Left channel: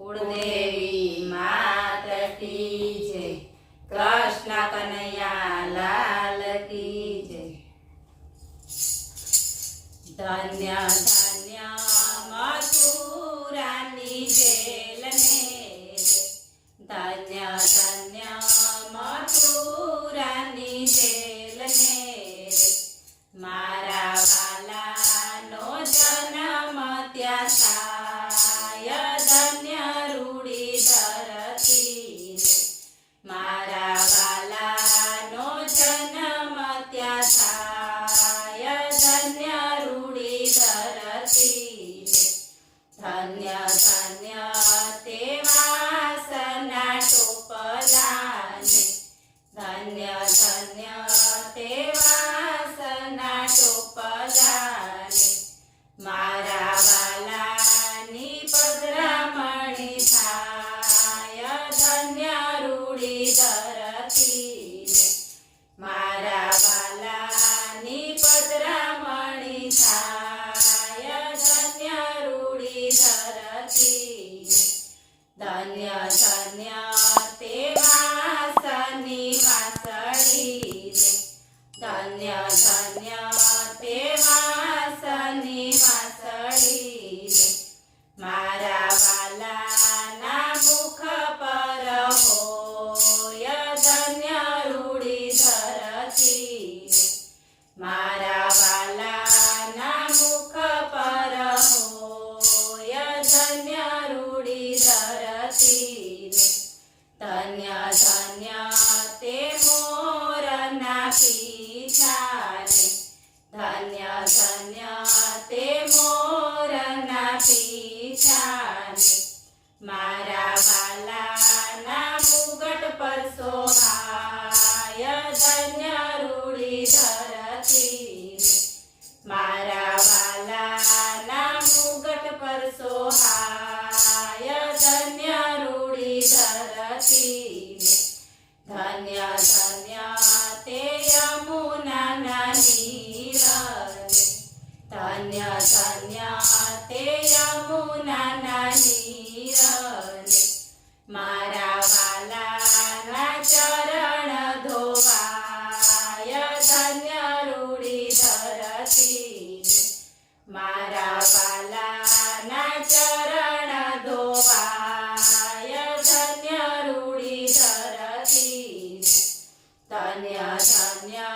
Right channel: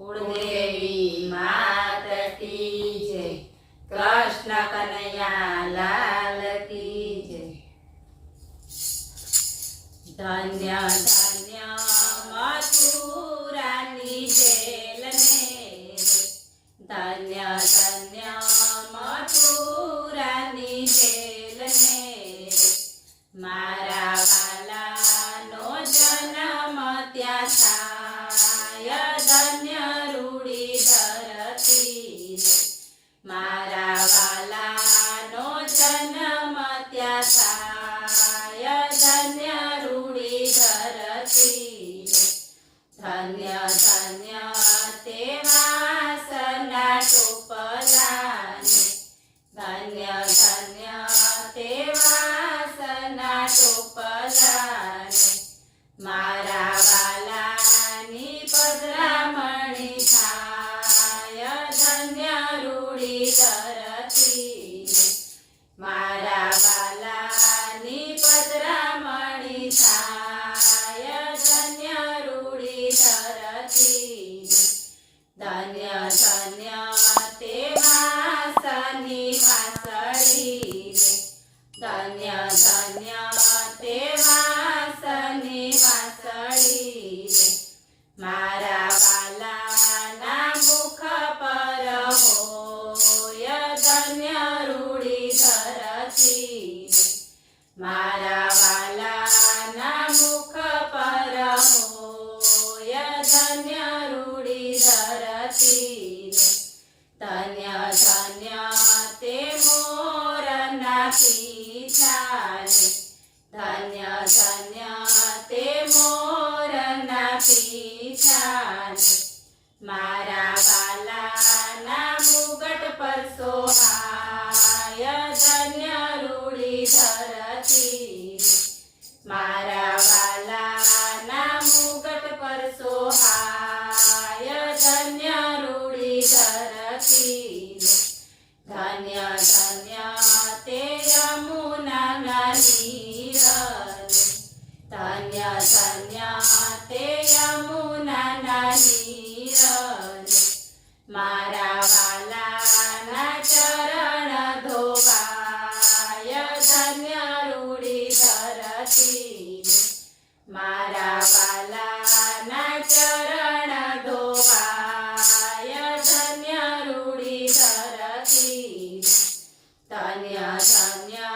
કુળદેવી માત કી જય, કૃષ્ણ કનૈયા લાલ કી જય। ધન્ય ધન્ય મથુરાની જેલ ને રે, ધન્ય ધન્ય મથુરાની જેલ ને રે, મારા વાલાનો જન્મ ત્યાં થાય, ધન્ય રૂડી ધરતી રે, મારા વાલાનો જન્મ ત્યાં થાય, ધન્ય રૂડી ધરતી રે, ધન્ય ધન્ય તે વાસના ટોપલાને, ધન્ય ધન્ય તે વાસના ટોપલાને, મારા વાલાની પધરામણી થાય, ધન્ય રૂડી ધરતી રે, મારા વાલાની પધરામણી થાય, ધન્ય રૂડી ધરતી રે, ધન્ય ધન્ય તે વાસની વાસળી રે, ધન્ય ધન્ય તે વાસની વાસળી રે, મારા વાલાના મુખ પર હોય, ધન્ય રૂડી ધરતી રે, મારા વાલાના મુખ પર હોય, ધન્ય રૂડી ધરતી રે, ધન્ય ધન્ય તે મોરના પીછાને, ધન્ય ધન્ય તે મોરના પીછાને, મારા વાલાના મુગટ પર સોહાય, ધન્ય રૂડી ધરતી રે, મારા વાલાના મુગટ પર સોહાય, ધન્ય રૂડી ધરતી રે, ધન્ય ધન્ય તે યમુનાના નીર રે, ધન્ય ધન્ય તે યમુનાના નીર રે, મારા વાલાના ચરણ ધોવાય, ધન્ય રૂડી ધરતી રે, મારા વાલાના ચરણ ધોવાય, ધન્ય રૂડી ધરતી રે, ધન્ય ધન્ય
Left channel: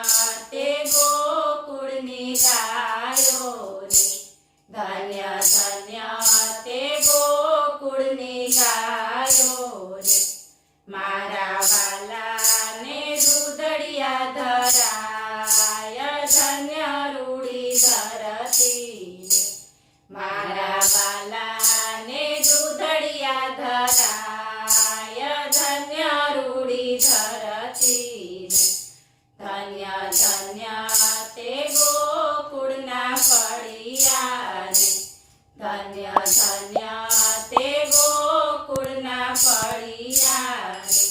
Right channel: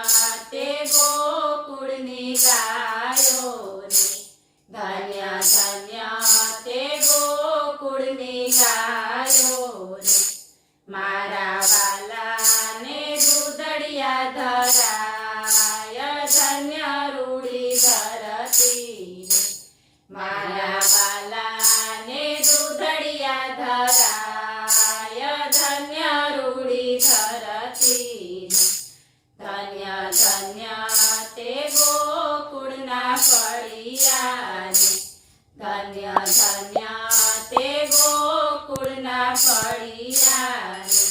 તે ગોકુળની ગાયો રે, ધન્ય ધન્ય તે ગોકુળની ગાયો રે, મારા વાલાને દૂધડિયા ધરાય, ધન્ય રૂડી ધરતી રે, મારા વાલાને દૂધડિયા ધરાય, ધન્ય રૂડી ધરતી રે, ધન્ય ધન્ય તે ગોકુળના ફળિયા રે, ધન્ય ધન્ય તે ગોકુળના ફળિયા રે,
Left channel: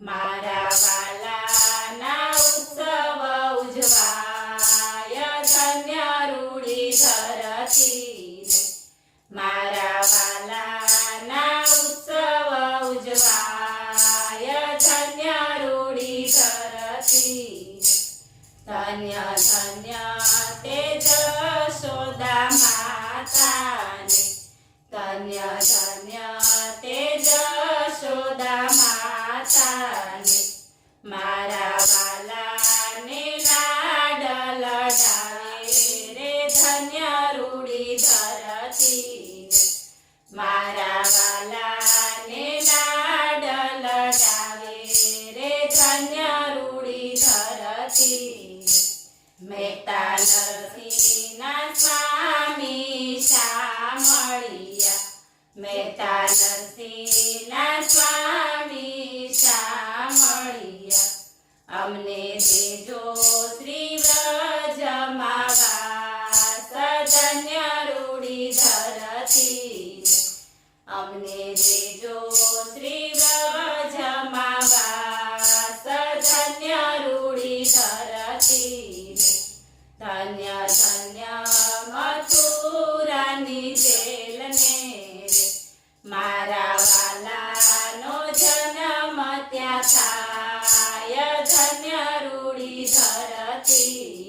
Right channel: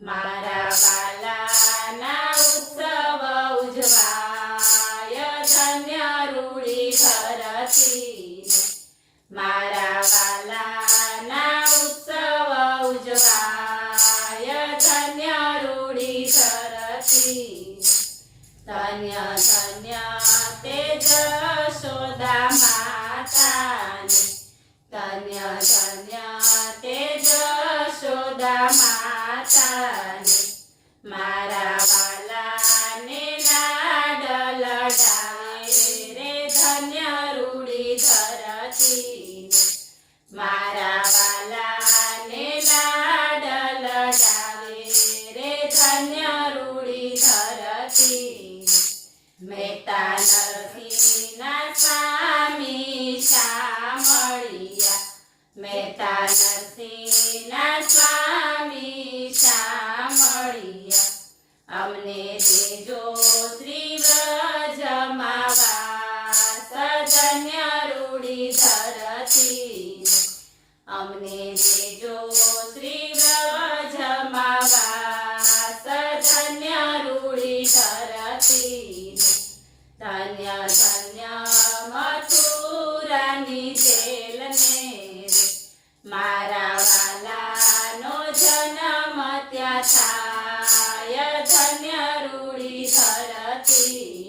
મારા વાલાના ઉત્સવ ઉજવાય, ધન્ય રૂડી ધરતી રે, મારા વાલાના ઉત્સવ ઉજવાય, ધન્ય રૂડી ધરતી રે, ધન્ય ધન્ય તે જશોદા માતાને, ધન્ય ધન્ય તે જશોદા માતાને, મારા વાલાને લાડ લડાવે રે, ધન્ય રૂડી ધરતી રે, મારા વાલાને લાડ લડાવે રે, ધન્ય રૂડી ધરતી રે, મહેતા નરસિંહના સ્વામી શામળિયા, મહેતા નરસિંહના સ્વામી શામળિયા, અમને દેજો શ્રી વ્રજમાં વાસ, ધન્ય રૂડી ધરતી રે, અમને દેજો શ્રી વ્રજમાં વાસ, ધન્ય રૂડી ધરતી રે, ધન્ય ધન્ય મથુરાની જેલ ને રે, મારા ધન્ય રૂડી ધરતી